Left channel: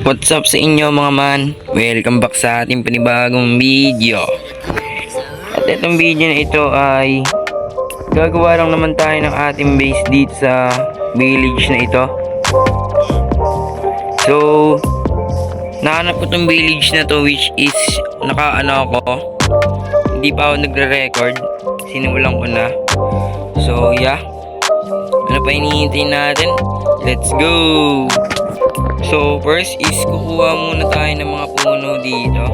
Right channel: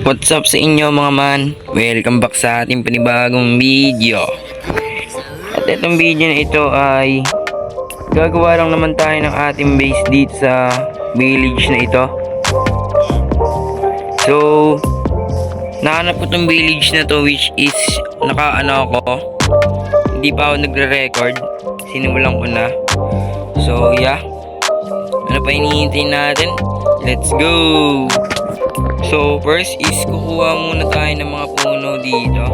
What's up sa inyo mga man? Welcome back sa ating panibagong video. At itong video na ito ay gagawa lang naman tayo ng ating base dito sa village na ito. So nahanap ko itong village na to, which is nakaano ako, hindi pa ako nagre-record, sinimulan ko na. So yeah, ano pa hinihintay natin? Let's go! So first is kukuha muna tayo ng mga puno dito.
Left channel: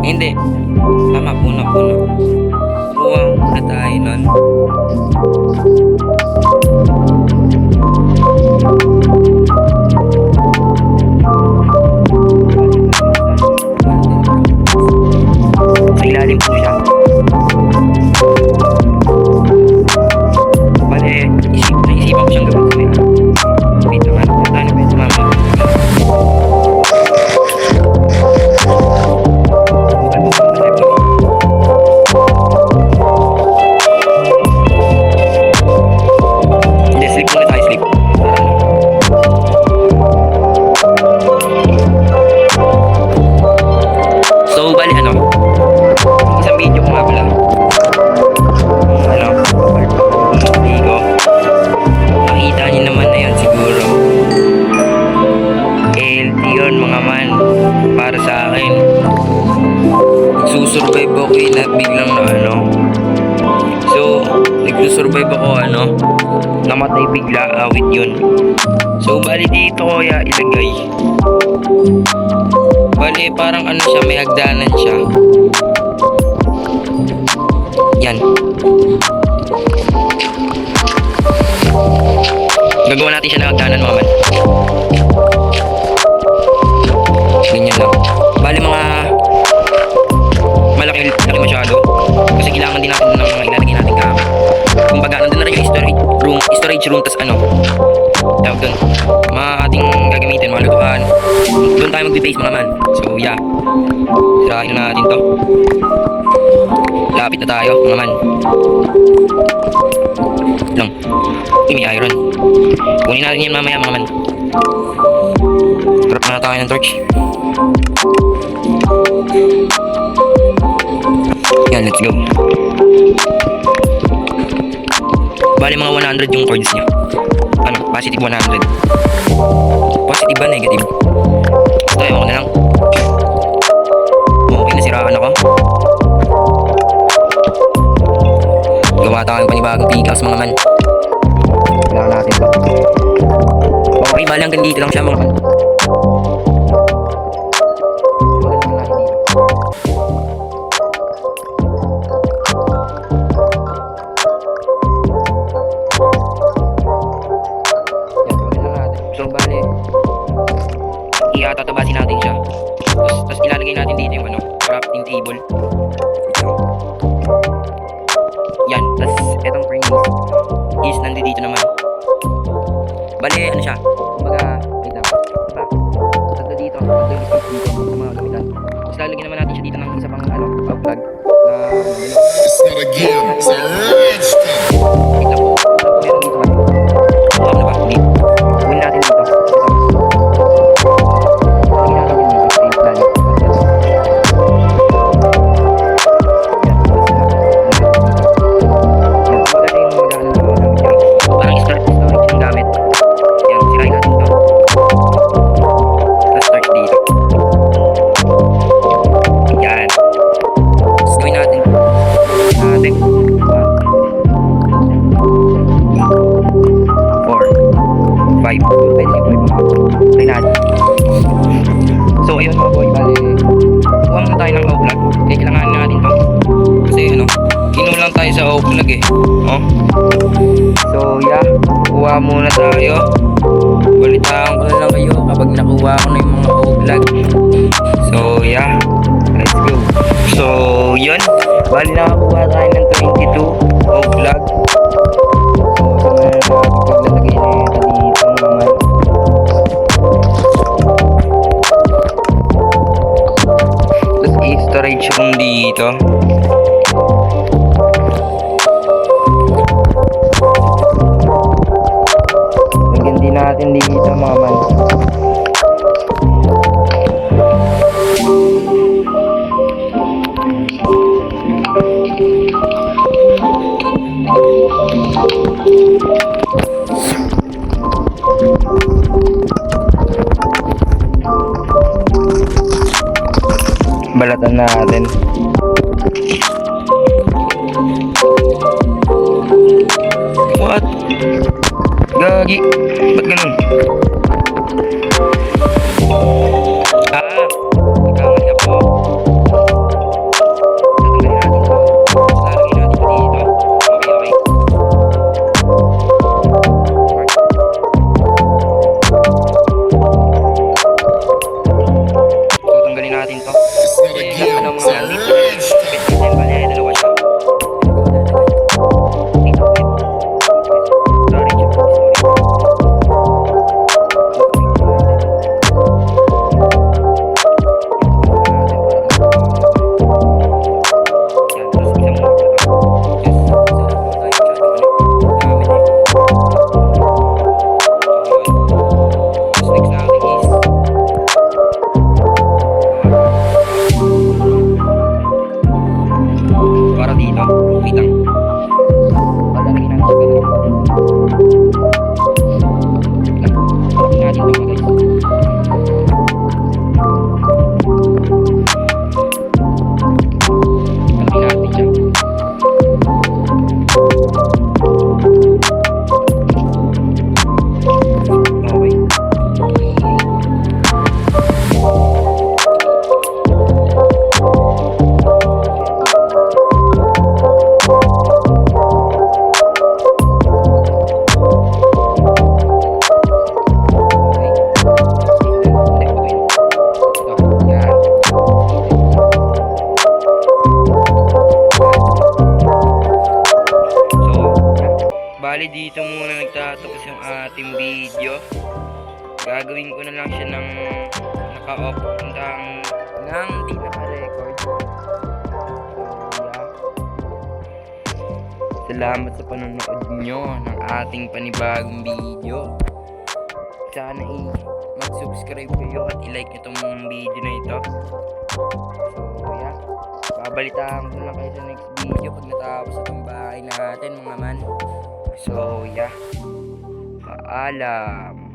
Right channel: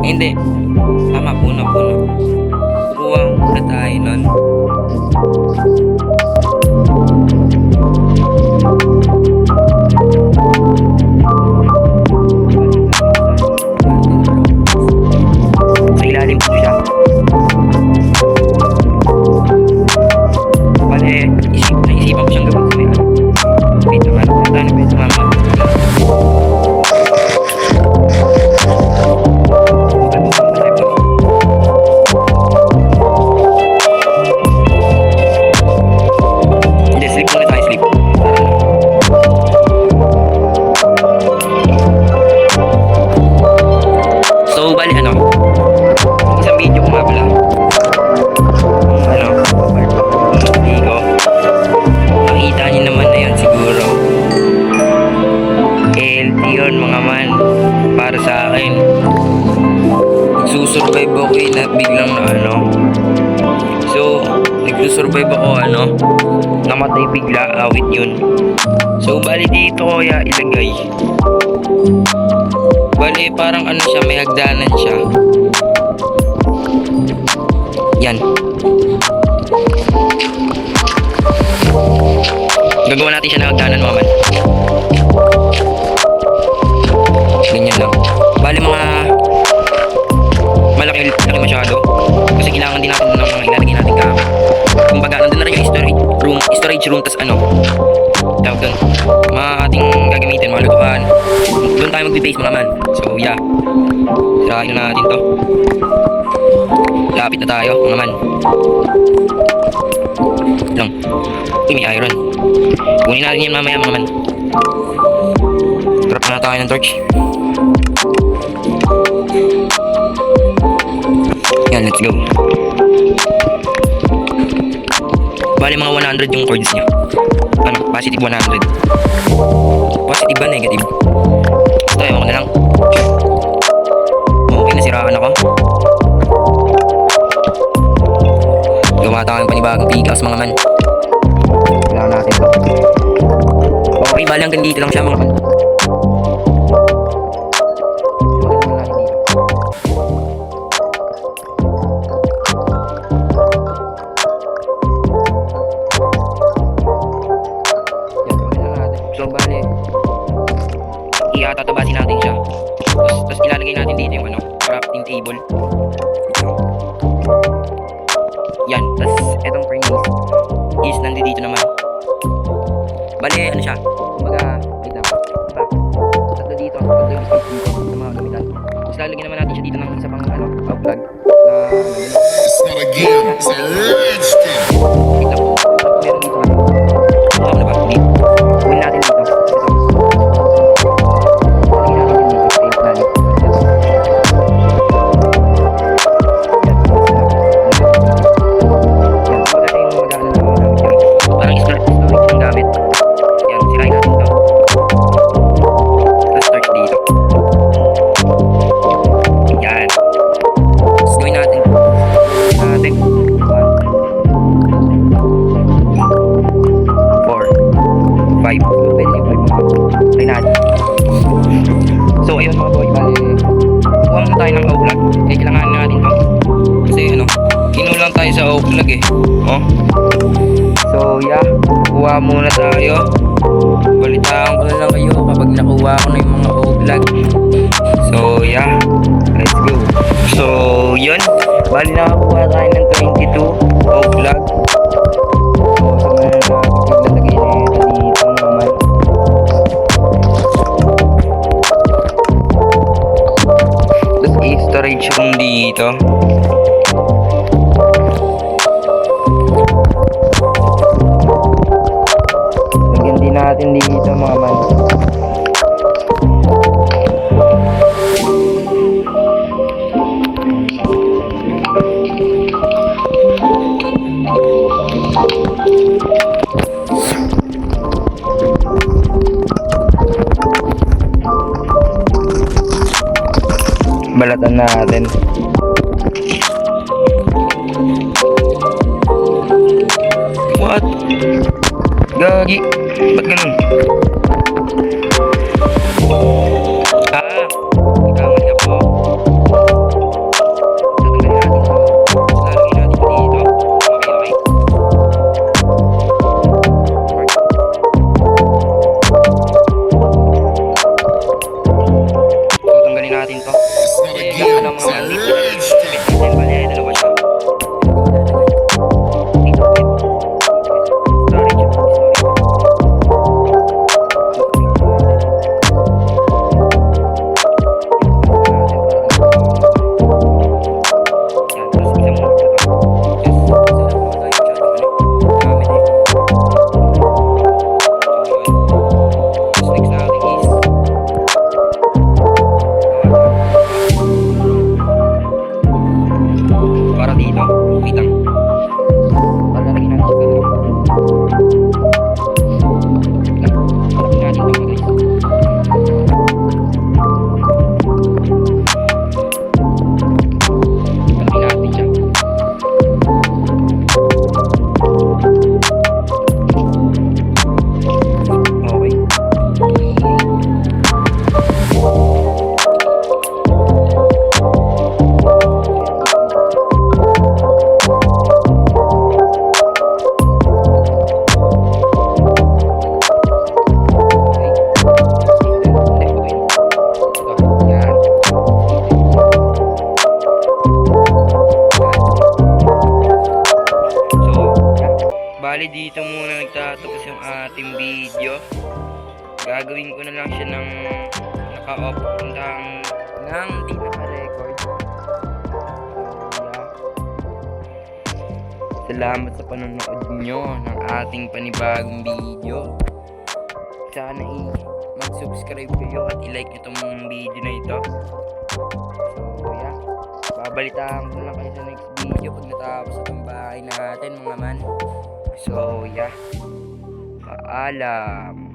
Hindi, tama, puno. Kukuha muna tayo nun. Sa ilalim po siya. Bale, naisipan ko siyang gawin sa may harap. Wait lang, harap na tayo na pwede mama. Bukal na tayo. Hindi, sleep muna tayo, sleep. So, bali ano, isang video ko nga pala. Ligo. Nakita niyo naman na yun siguro. LT yun mga man. Para sa akin, nagsusurvive ako na biglang na ano. So nagsusurvive ako namatay bigla, awit yun. So bali dito ko kaya ilagay. Bali parang siya, may hagdanan siya. Yan. Gagawa natin siya ng hagdanan mga man. Ganyan lang. Bali mga malaki masyado. Kasi kailangan din natin ng mga ilalagay natin gamit. Kumbaga nandun na rin yung storage room tas tawag dun, mga ating gagamitin, mga lutuan. Doon tayo mag-base mga man. So yeah, sirain na natin to. Lapit na tayo mga man. Lang. May iron. Kunin natin yan mamaya mga man. Drop na tayo ng torch. Yan, let's go. Bali mga 100 yung chords niya. Positive 100. Positive ba, negative? Ito, ewan ko na lang. Okay, nasiraan ako. Gawa tayo ng panibagong pickaxe mga man. Kailangan natin to. Okay, bali hanggang dito lang siya mga man. Huwag naman natin dito. Yan, huwag lang natin. So bali, iatatabasin natin siya. Tapos ilalagay natin dito yung crafting table. Yan, tapos etong furnace is nandito naman. Bale, siya? Kumbaga, wait lang. Diba? Tatlo dito, tatlo yung space dito sa mga gamitan. Tapos lalagyan naman natin siya dito ng isa pang outplug na gano'n. It's not a game, it's a rich thing. Wait lang po. Alam ko meron dito man. Ano na ba? Dito. Kunin natin dito. Ito. Lalagyan natin yung dito. Space plan. Gamit. Yan, sirain natin to. Tapos start dito. Yan. Tapos gawin natin. Gawin natin. 1, 2, 4, 5. Siguro pwede na yung 5 mga. Try natin. So ayun mga boy, bali kuha muna tayo ng outplug. Kailangan natin to. Kasi kinulang tayo sa outplug So yeah, kuha muna tayo. Balitaan ko na lang kayo kapag nakuha ko na yung mga outplug. So yeah, let's go. So yun, bali nakakuha tayo ng 22 outplug. So na paglalagay na ito dito naman. Tapos i-storage room dito. natin dito mga man. Balatan natin. What? Gagi. Ba't ganun? Nagkamali ako. Tatanggalin natin ito. Lalagay natin ito dito. Okay. Work. So, tanggalin natin to. It's not a Eh, game, ano, it's a mga rich thing. bit natin, bali, dalawa siya. Dito, bit. Storage, storage. Natin para ano. Yan, tapos isa muna ito. Yes, isa lang naman tayo masyadong gamit eh. So, yun. Tapos next natin is para dito, wait lang. Palalagyan natin siya sa palagyan natin ito mga guys. Palagyan natin siya. Okay. Bali dito muna nagtatapos yung ating video. Gagawin ko na lang siya ng naka-off nang di naka-record. So yeah. Salamat sa panonood nyo ng ating panibagong video. Sana mag-subscribe kayo at i-like nyo itong video na ito. So yeah. Babalitaan ko na lang kayo sa next video pag natapos itong bahay natin mga man. So yeah, paalam.